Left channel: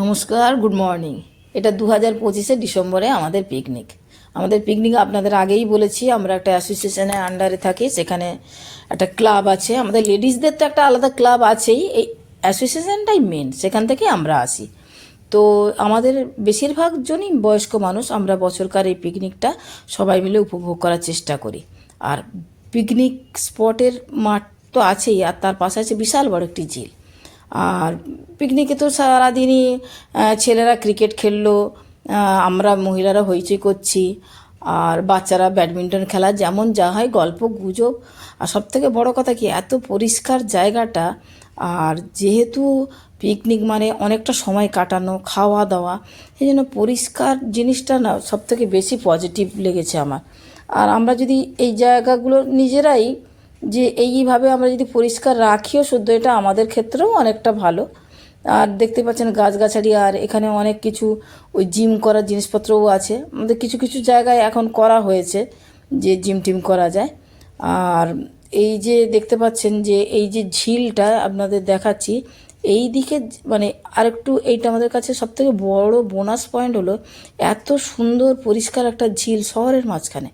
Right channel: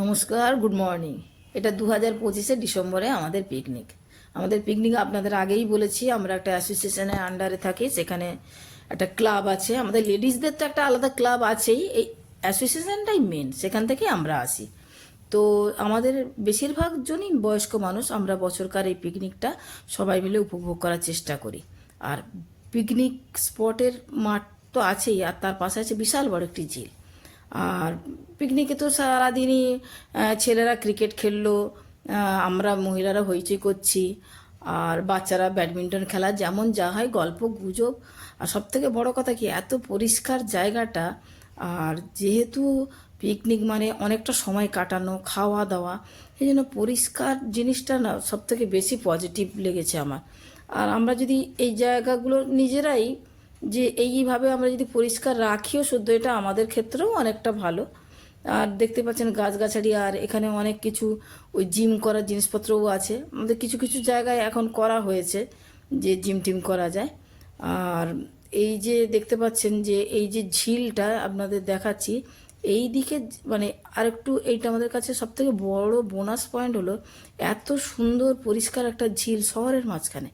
নমস্কার, good morning. এটা 2025 ডিসেম্বরে আমাদের পিকনিক আপনাদের আগেই বলেছি। আমরা একটা অ্যাসোসিয়েশনের আন্ডারে থাকি, সেখানে একটা ক্লাব আছে। আমাদের লেডিসদের তো একটা আলাদা ক্লাব আছেই, এই অ্যাসোসিয়েশনটাই মেন, সেখান থেকে আমরা আসি। তো আমাদের বেশিরভাগ জনই বয়স্ক মানুষ। আমরা বছরকার এই পিকনিকটা সবাই মিলে উপভোগ করার চেষ্টা করি। আর পিকনিক স্পটের মাঠ তো আছেই, আর তার পাশে আছে বিশাল বড় একটি ঝিল। আর পিকনিকে তো সারাদিনই ছেলেরা ক্রিকেট খেললো, আমরা মহিলারা হইচই করছি, আর বাচ্চারা ব্যাডমিন্টন খেলা, যেমন যা হয় গল্প গুজব। আর সবথেকে বড় কথা কি, এত পরিষ্কার জায়গাটা। আর যেহেতু পিকনিক মানে অনেকটা সময় কাটানো, খাওয়া দাওয়া, সেই জন্য পরিষ্কার জিনিসটা না সবথেকে বেশি পজিটিভ লেগেছে আমার। আর আমরা যদি এই জায়গাগুলো নিজেরাই যে এইভাবে আমরা যদি পরিষ্কার রাখিও শুদ্ধ, এটা আমাদের ক্ষেত্রেও অনেকটা ভালো। আর দেখতে পাচ্ছেন গাছগাছালি, আর এখানে অনেক কিছু ওই জিম করার জিনিসপত্রও আছে। আমাদের কিছু কিছু জায়গায় এখন করা হয়েছে যে জিম টিম করা যায়। আর এই যে দেখতে পাচ্ছেন যে এই যে ঝিলটা আপনাদের দেখাচ্ছি, এই দিকে মানে আরেকটু, এইটা আমাদের কাছে সবথেকে বড় বোনাস পয়েন্ট হলো এত সুন্দর পরিষ্কার একটা ঝিল শহরের মাঝখানে।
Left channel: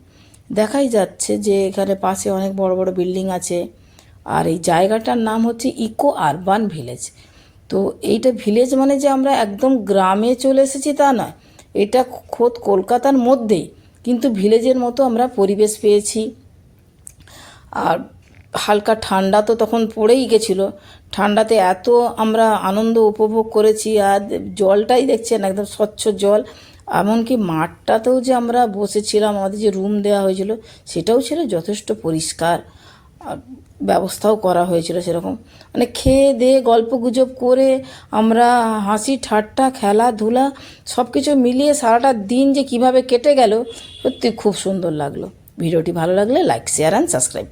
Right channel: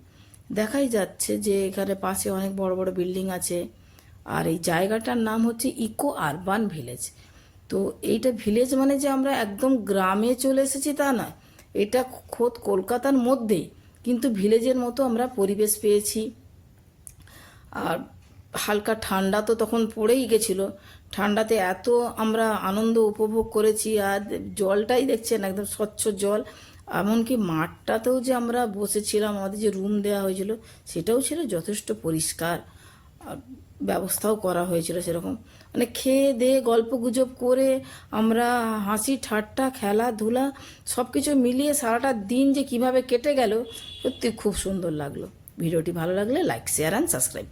দেখাই যাচ্ছে যে এখানে পাশে অনেক বড় বড় বিল্ডিং আছে। আর এই জায়গাটার নাম হচ্ছে ইকো আরবান ভিলেজ। তো এইটা ভিলেজ মানে যে আমরা একদম গ্রামে চলে এসেছি তা না, এটা খোদ কলকাতার মধ্যেই, কিন্তু ভিলেজের মতো আমরা পরিবেশ পেয়েছি। আর হালকা ঠান্ডা তো তখন পড়েই গেছিলো। ঠান্ডাতে এত আমরা আনন্দ উপভোগ করেছি। আর জলটাই দেখছেন একদম স্বচ্ছ জল। এমনকি মাঠটাতেও যে আমরা বসেছিলাম, আমাদের যে রুম দেওয়া হয়েছিল সেটাও ছিল যথেষ্ট পরিষ্কার। আর ব্যবস্থাও করা হয়েছিল সেরকম, মানে খেয়ে দিয়ে গল্প গুজব করে আমরা হাসি ঠাট্টা খেলাধুলা সব কিছু মিলিয়ে সারাটা দিন যে কিভাবে কেটে গেল, সত্যি খুব সুন্দর লাগলো। ভিডিওটি ভালো লাগলে লাইক, শেয়ার অ্যান্ড সাবস্ক্রাইব।